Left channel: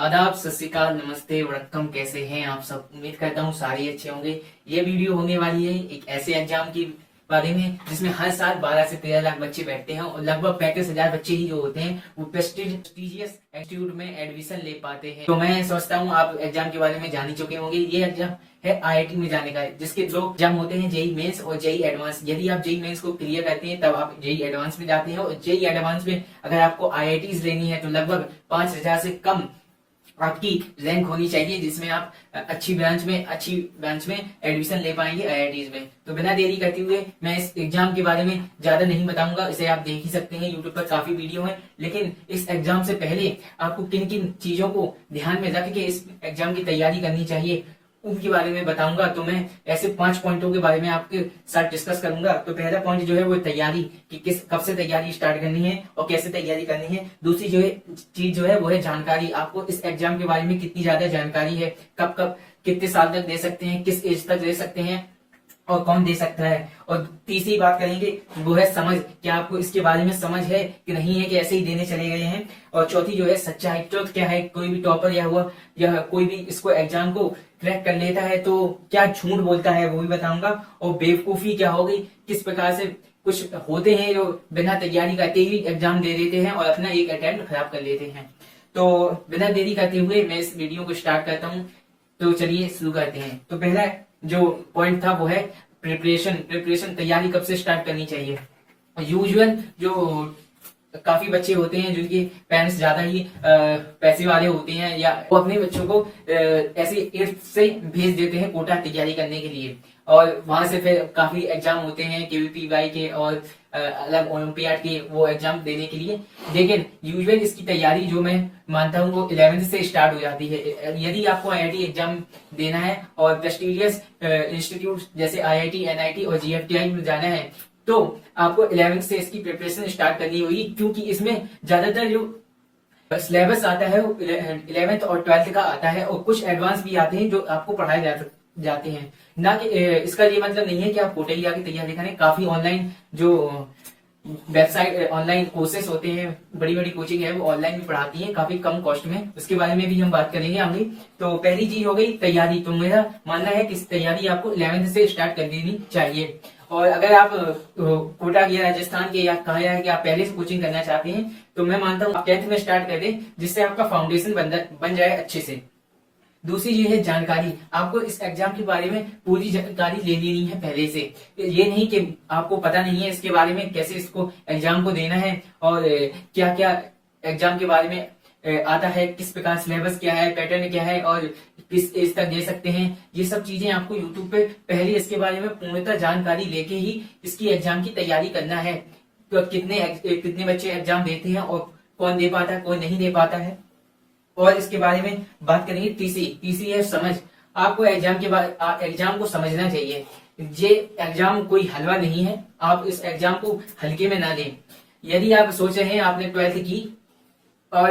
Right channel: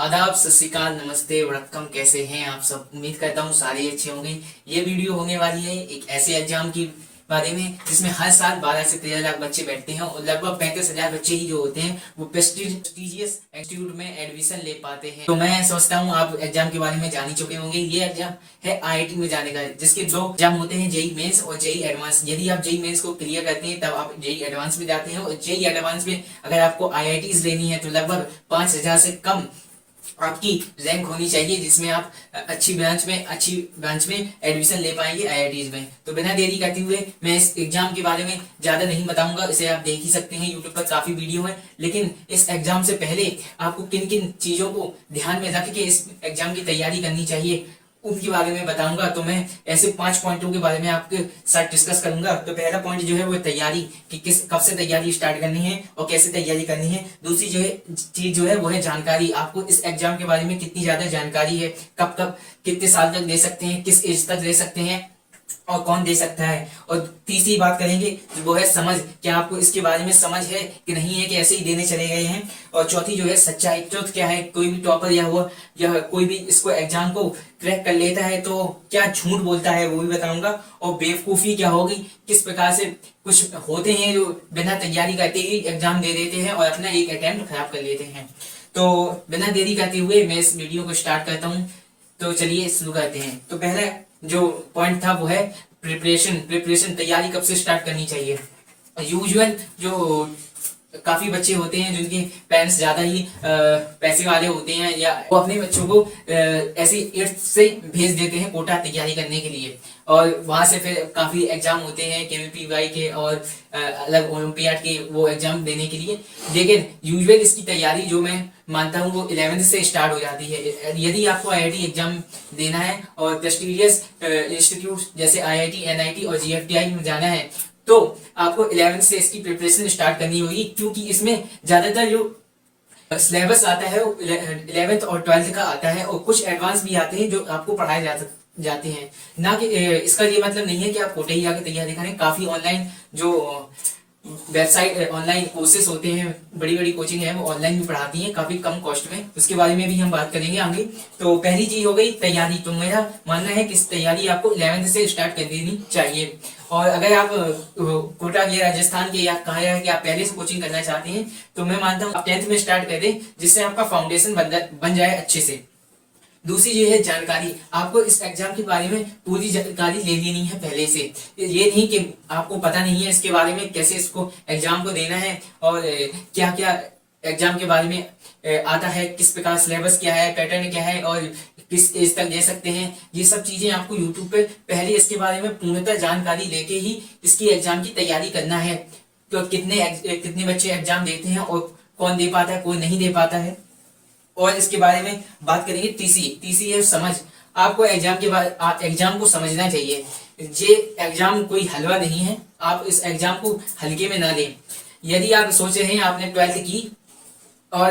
आदाब, सत श्री अकाल, नमस्ते, वड़क्कम। कैसे हैं आप सब? उम्मीद करता हूँ सारे अच्छे होंगे। ये वीडियो होने वाली है एक ऐसे एग्जाम के बारे में जिसमें हर साल 12 से 13 लाख बच्चे बैठते हैं और लगभग 35,000 बच्चे ही जो होते हैं वो प्रेस्टिजियस इंस्टीट्यूट में एडमिशन ले पाते हैं। तो मैं समझता हूँ आप एग्जाम के बारे में जान ही चुके होंगे। ये एग्जाम है आईआईटी में जाने का, जिसके दो एग्जाम होते हैं, जेई मेंस और जेई एडवांस। यदि आप जेई मेंस को क्लियर करते हैं तब आप जेई एडवांस में जाते हैं, और जेई एडवांस में अगर आपको आईआईटीज लेनी है तो लगभग 5,000 से कम आपकी रैंक होनी चाहिए, जिसमें आप अच्छी ब्रांच में एडमिशन ले पाएंगे आईआईटीज में। तो बिना देरी करते हुए मैं इस एग्जाम के बारे में ज्यादा नहीं बताऊंगा, इसे आप देख ही सकते हैं, यूट्यूब पर काफी वीडियो है। लेकिन इस एग्जाम से पहले आपको किन किन चीजों को ध्यान में रख के इस एग्जाम की तैयारी करनी चाहिए उनके बारे में बताऊंगा। तो मैं ऐसे 5 पॉइंटों के बारे में आपके साथ डिस्कस करूंगा। तो पहला पॉइंट जो है वो तैयारी, कि किस कब से तैयारी स्टार्ट करनी है और कैसे तैयारी करनी है। दूसरी जो है चीज जो है वो है जानकारी। आपको इस एग्जाम के बारे में कितनी ज्यादा जानकारी है, कब कब कितने साल तक दे सकते हैं, किस एज तक दे सकते हैं और कौन दे सकता है। और तीसरी बात करेंगे वो है समझ, क्या आपको इसके बारे में समझ है कि नहीं है, कि ऐसे ही देने चले गए हैं। और चौथी जो है सच्चाई, ट्रुथ क्या है। कोई भी टॉपर या कोई भी इसको एग्जाम को क्रैक कर लेता है तो क्या झूठ बोलता है वो भी बताऊंगा। और बेवकूफी क्या होगी, किस प्रकार से कुछ होते हैं जो बिना तैयारी करते ही एग्जाम दे देते हैं और अपना एक अटेम्प्ट खराब कर लेते हैं। तो बिना देरी करते हुए मैं इस वीडियो को स्टार्ट करता हूँ। तो चलिए शुरू करते हैं। तो पहला जो पॉइंट था वो है प्रिपरेशन तैयारी कब से स्टार्ट करनी चाहिए। यूजुअल जो काफी बच्चे होते हैं जिनके पेरेंट्स ज्यादा ही पैसे वाले होते हैं, या वो अपने बच्चों को ऐसे 8th से भेज देते हैं कोटा तैयारी करने के लिए, और वहां से फिर काफी एग्जाम होते हैं केवीपीवाई के और अलग ओलंपियाड के, वो एग्जाम देने के लिए। लेकिन यूजुअल इसकी तैयारी जो मैं मानता हूँ वो 11th से स्टार्ट हो जाती है। यदि आपको आईआईटी एग्जाम देना है और प्रेस्टिजियस इंस्टीट्यूट जैसे आईआईटी, एनआईटी और जीएफटीआई में जाना है तो आपको 11th से इसकी प्रिपरेशन स्टार्ट करनी होगी, क्योंकि इसमें ज्यादातर जो सिलेबस आता है वो 11th और 12th का आता है, और कुछ एडवांस भी आते हैं जो आपको पढ़ाए जाते हैं। ना कि इसका ये मतलब नहीं है कि आप कोटे ही आके तैयारी करें। काफी ऑनलाइन जो वेबसाइट, ऑनलाइन कोर्सेस होते हैं, बड़ी बड़ी कोचिंग है, वो ऑनलाइन भी पढ़ाती है काफी कम कॉस्ट में। उसके बारे में भी हम बात करेंगे आगे। तो पहली चीज हो गई तैयारी। तो मेरा मानना है कि इस तैयारी आपको 11th से स्टार्ट कर देनी चाहिए। और अगर आप कोटा के, राजस्थान के या कहा है कि आप पहले से कोचिंग करना चाहते हैं तो मैं मानता हूँ आप 10th में स्टार्ट कर दें, जिससे आपका फाउंडेशन बन जाए अच्छे से। दूसरी जो है जानकारी, आपको इस एग्जाम के बारे में पूरी जानकारी ले लेनी है पहले से। ये नहीं कि आपको पता नहीं है इसके बारे में, कैसे इसको एग्जाम को देना है और क्या क्या एग्जाम के बारे में आता है, किस प्रकार सिलेबस क्या है, पैटर्न क्या है और किस एज तक दे सकते हैं। ये सब चीजें आपको यूट्यूब पे पहले इसके बारे में पूर्णतः जानकारी लेके ही इसकी एग्जाम की तैयारी करना है। तो कितने बच्चे एग्जाम देते हैं और कौन दे पाता है, कौन नहीं दे पाता है। और इसके बारे में बात करेंगे। तीसरी है समझ। आपको एग्जाम के बाद एग्जाम को समझना चाहिए। ये एग्जाम कोई हलवा नहीं है, आप इस एग्जाम को हल्के में ना लें। यदि आप सोच रहे हैं आपने 12th की और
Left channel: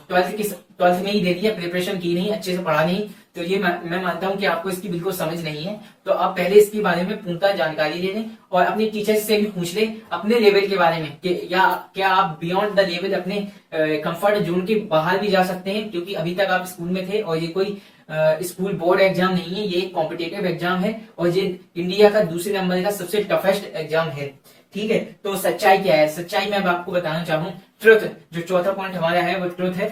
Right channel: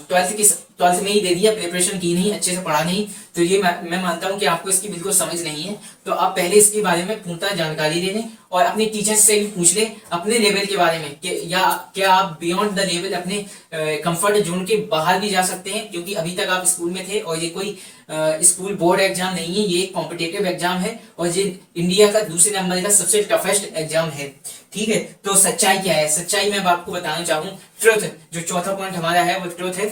12th में ही दे दिया, प्रिपरेशन की नहीं, अच्छे से पढ़ा नहीं, तो ये मैं मानता हूँ कि आपको इसकी बिल्कुल समझ नहीं है। तो आप पहले इसके बारे में पूर्णतः जानकारी ले लें और अपने टीचर्स से भी पूछ लें अपने लेवल के बारे में, कि या क्या आप बियॉन्ड द लेवल अपने कंफर्ट जोन के बाहर भी जा सकते हैं, क्योंकि अभी तक आप स्कूल में थे और ये कोई स्कूल बोर्ड एग्जाम नहीं है, ये कॉम्पिटेटिव एग्जाम है और ये इंडिया का दूसरे नंबर का सबसे टफेस्ट एग्जाम है। ठीक है, तो सच्चाई क्या है? सच्चाई मैं आपको बताना चाहूँ, ट्रुथ। जो चौथा पॉइंट हमारा है वो ट्रुथ है।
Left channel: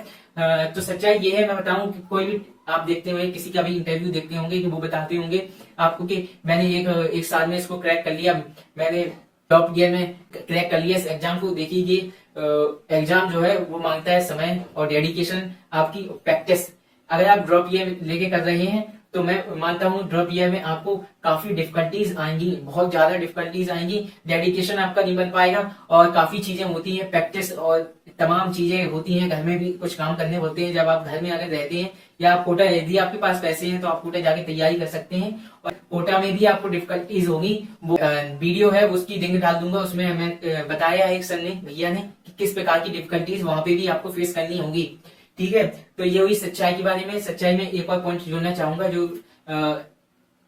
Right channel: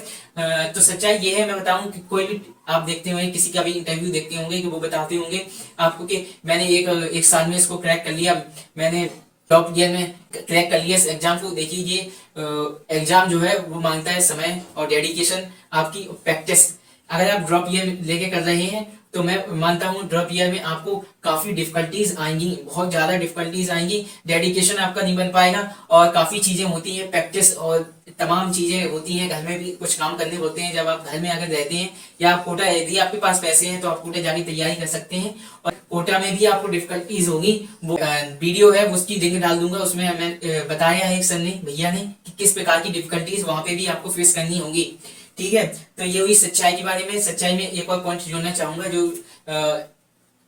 तो सच्चाई ये है, मैं बताऊं कि कोई भी आप देखते होंगे, किसी का भी इंटरव्यू देखते होंगे कि वो बताते होंगे आपको कि मैंने एक साल में इसको क्रैक कर लिया, मैंने टॉप ईयर में क्रैक कर लिया इस एग्जाम को। देखिए ये एग्जाम जो है वो मांगता है समय और डेडिकेशन, आपकी प्रैक्टिस। अगर आप ड्रॉप ईयर लेके कर रहे हैं तो मैं मानता हूँ ड्रॉप ईयर में आपको काफी डिफिकल्टीज आएंगी, बहुत ज्यादा डिफिकल्टीज आएंगी, डेडिकेशन आपका नहीं बन पाएगा और काफी चीजें होती हैं, प्रैक्टिस और तमाम चीजें होती हैं। घर में भी कुछ काम करने होते हैं जब आप घर में अगर रहते हैं, या आप कोटा, यदि आपके पास पैसे हैं तो आप कोटा जाके तैयारी कर सकते हैं। और कोटा में भी आपको डिफिकल्टीज होगी, वो वीडियो है उसकी लिंक डाल दूंगा, उसमें हमें बताया है एक सर ने, भैया ने, कि किस प्रकार की डिफिकल्टीज वहां पे भी आपको फेस करनी होगी। ठीक है, तो ये हुई सच्चाई के बारे में। सच्चाई में एक और पॉइंट जोड़ना चाहूंगा जो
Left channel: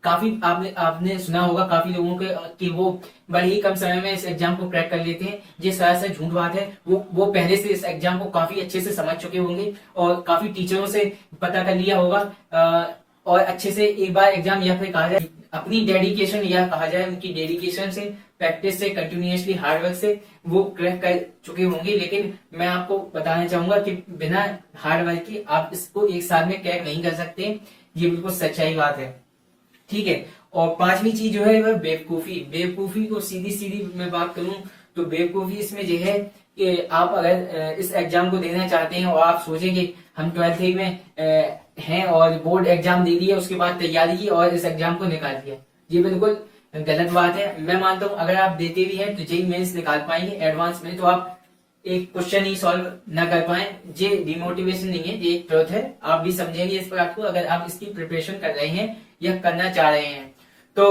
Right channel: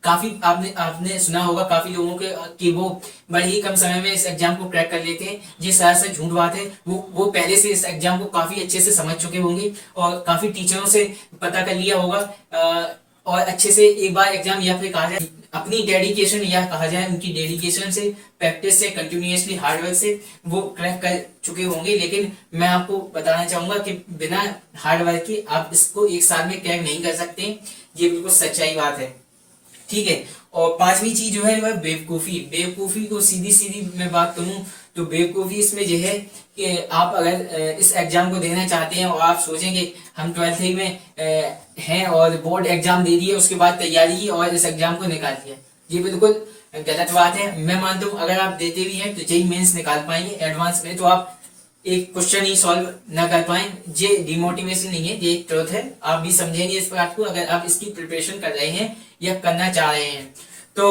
काफी आपने आपने सुना होगा काफी लोगों के कि वो बड़े ही कम समय में इस एग्जाम को क्रैक कर लेते हैं। ये सरासर झूठ बात है। वो पहले से इस एग्जाम को काफी अच्छे से समझ चुके होंगे और काफी टीचरों से पता कर लिया होगा, और अच्छे से एक बार एग्जाम या फिर कहा जाए अपनी डेडिकेशन या कहा जाए उनकी डेडिकेशन से, प्रैक्टिस से, कंटिन्यूअसली हार्डवर्क से वो क्रैक कर चुके होंगे। लेकिन मैं आपको बताना चाहूंगा कि बिना हार्डवर्क के आप इसको एक साल में क्रैक नहीं कर सकते। ये बिल्कुल सच्चाई बात है, ठीक है। और पांचवी चीज जो है वह बेवकूफी। बेवकूफी को सीधी सीधी मैं बात करूं तो बेवकूफी इसमें यह है कि आप अगर इस एग्जाम को देना चाहते हैं और आप सोचेंगे हम 12वीं में हैं और बोर्ड एग्जाम दे दिए, उसके बाद तैयारी की और इस एग्जाम को निकाल दिया, ये बिल्कुल गलत बात है। मैं मानता हूँ अगर आप देते भी हैं तो जेईई मेंस निकाल पाएंगे एडवांस में, तो आप एक क्वेश्चन ही सॉल्व ना कर पाए, ये डिमोटिवेशन नहीं है, ये ट्रुथ है। आप भी समझेंगे इस बात को अगर आप इसकी प्रिपरेशन कर रहे हैं या करना चाह रहे हैं। तो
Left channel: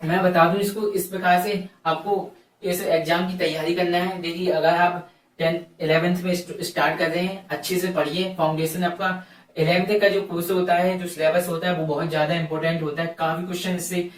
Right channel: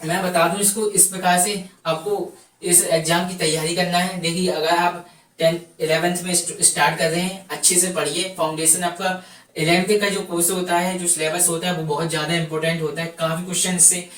मैं बता दूं इसको इस प्रकार से आपको इस एग्जाम की तैयारी करना है। देखिए अगर आप 10th 11th में स्टार्ट कर रहे हैं, अच्छे से पढ़िए। फाउंडेशन आपका 11th का जो कोर्स होता है, जो सिलेबस होता है वो बहुत ज्यादा इंपॉर्टेंट होता है। काफी क्वेश्चन से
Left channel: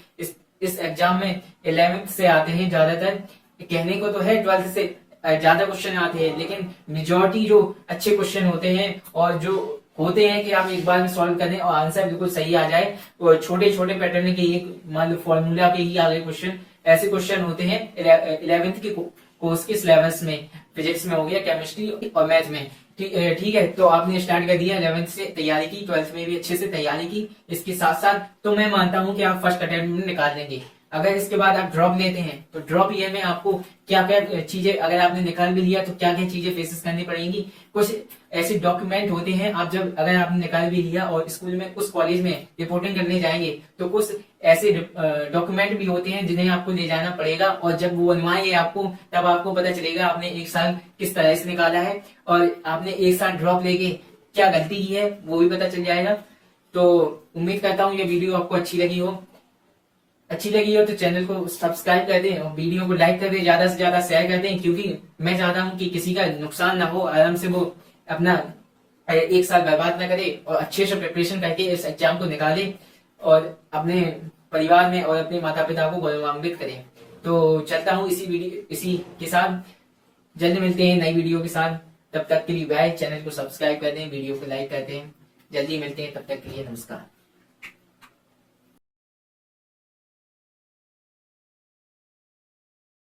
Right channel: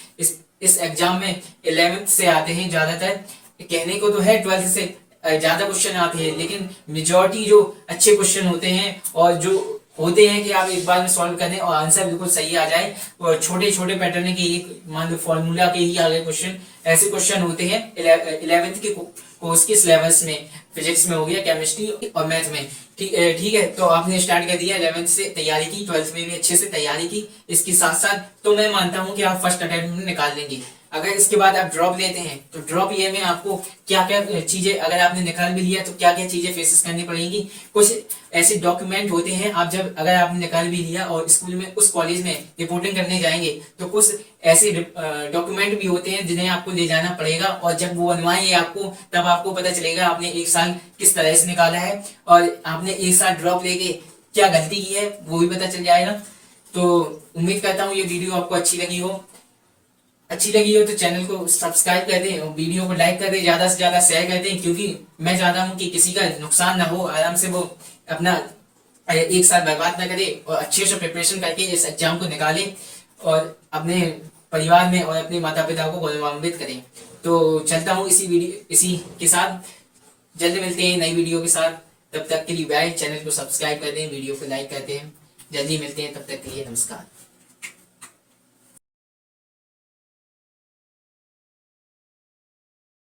इस एग्जाम में 11th से आते हैं ज्यादातर। कहने को तो है 12th से ज्यादा क्वेश्चन आते हैं, लेकिन मेजोरिटी जो अच्छे क्वेश्चन होते हैं और जो होते हैं कि आप एक बार में सॉल्व करें और आंसर बिल्कुल सही आ जाए, और छोटे छोटे पैटर्न के ही मान लो फॉर्मूला के ही आगे क्वेश्चन, ऐसे क्वेश्चन होते हैं 11th के कोर्स के सिलेबस में। फिजिक्स में हो गया, केमिस्ट्री और मैथ में, ठीक है। तो आपने स्टार्ट कर दिया, 11th से तैयारी की, 12th में भी अच्छे से तैयारी की इसके साथ साथ, तो मैं मानता हूं कि आप फर्स्ट अटेम्प्ट में निकाल लेंगे। अगर इसके बाद आप ड्रॉप लेते हैं तो ड्रॉप ईयर में आपको क्या क्या चीजें, अगर आपने निकाल भी लिया तो क्या क्या चीजें फेसेस करनी पड़ेंगी। कुछ ऐसे डॉक्यूमेंट होते हैं, आप जब अगर आपने निकाल भी लिया और स्कूल में उस कॉलेज में रिपोर्टिंग करने जाएंगे तो कुछ ऐसे डॉक्यूमेंट भी होते हैं जिन्हें आपको ले जाना पड़ेगा, और जब वो बनवाएंगे आपको तब आपको पता चलेगा आपने एक साल किस तरह से निकाला है और आपने एक साल ड्रॉप लेके क्या गलती की है वो भी पता चल जाएगा। तो उम्मीद करता हूँ ये वीडियो आपको अच्छी लगी हो तो चैनल को सब्सक्राइब कर दें और वीडियो को लाइक कर दें, ज्यादा से ज्यादा शेयर कर दें, क्योंकि मैं चाहता हूं कि किसी का नुकसान ना हो, आराम से वो अपना एक साल बर्बाद ना करे और अच्छे से प्रिपरेशन करके इस एग्जाम को निकाले और अपने परिवार में और अपने माता पिता को गौरवान्वित करें। तो चलता हूँ इसी के साथ, जल्द मिलते हैं नई वीडियो के साथ। तब तक के लिए बाय। चैनल को सब्सक्राइब कर दें, वीडियो को लाइक करते हैं। जल्दी मिलते हैं, तब तक के लिए नमस्कार।